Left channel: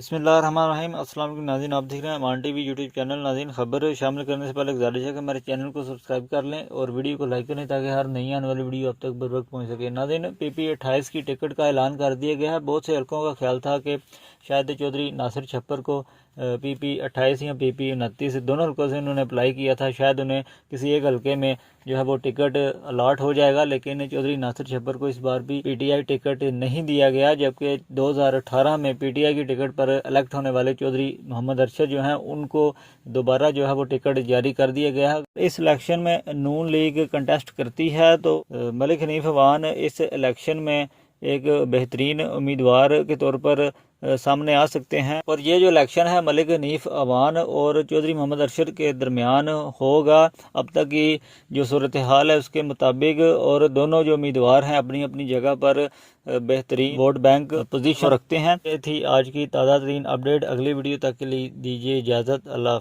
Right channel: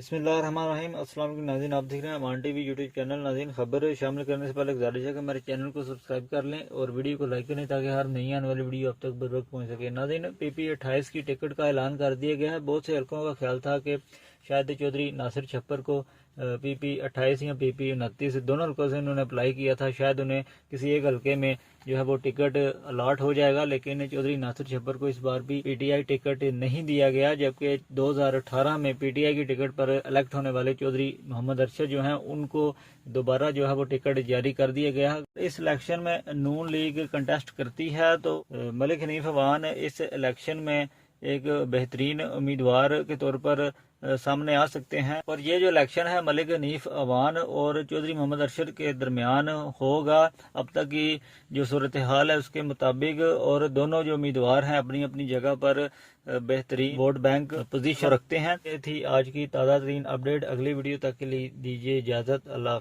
बिस्मिल्लाहिर्रहमानिर्रहीम। अस्सलाम वालेकुम नाज़रीन, आप देख रहे हैं अमान टीवी यूट्यूब चैनल। नाज़रीन, खबर शामिल करने से पहले गुजारिश है कि हमारे चैनल को सब्सक्राइब कर लें और वीडियो को लाइक करें ताकि हर नई आने वाली वीडियो आप तक बर वक्त पहुँच सके। नाज़रीन, PP28 की टिकट का ऐलान कर दिया गया है। बहुत से हल्कों का ख्याल था कि शायद चौधरी नासिर छप्पर को PP28 या PP29 दोनों हल्कों से उन्होंने अप्लाई किया था, शायद उन्हें किसी एक हल्के में जो है वो टिकट अलाट हो जाएगा, लेकिन चौधरी नासिर छप्पर को इस बार भी PTI टिकट नहीं दिया गया, जबकि 2018 में PTI की टिकट पर इलेक्ट होने वाले चौधरी मोहम्मद अरशद जो हैं उनको दोबारा जो है वो टिकट जारी कर दिया गया है। इस इलेक्शन में नून लीग कंटेस्ट करती है, तो मलिक हनीफ अवान इस इलेक्शन में एक बेहतरीन उम्मीदवार के तौर पर सामने आ सकते हैं। और ये जो इलेक्शन है मलिक हनीफ अवान और चौधरी मोहम्मद अरशद के दरमियान होगा। अब तक की जो सूरत हाल है उसके मुताबिक, और दोनों जो उम्मीदवार हैं अपनी अपनी जगह पर बेहतरीन वोट बैंक पोजीशन रखते हैं। ये थी आज की ताज़ा तरीन अपडेट। अगली वीडियो तक के लिए दीजिए इजाज़त। अल्लाह।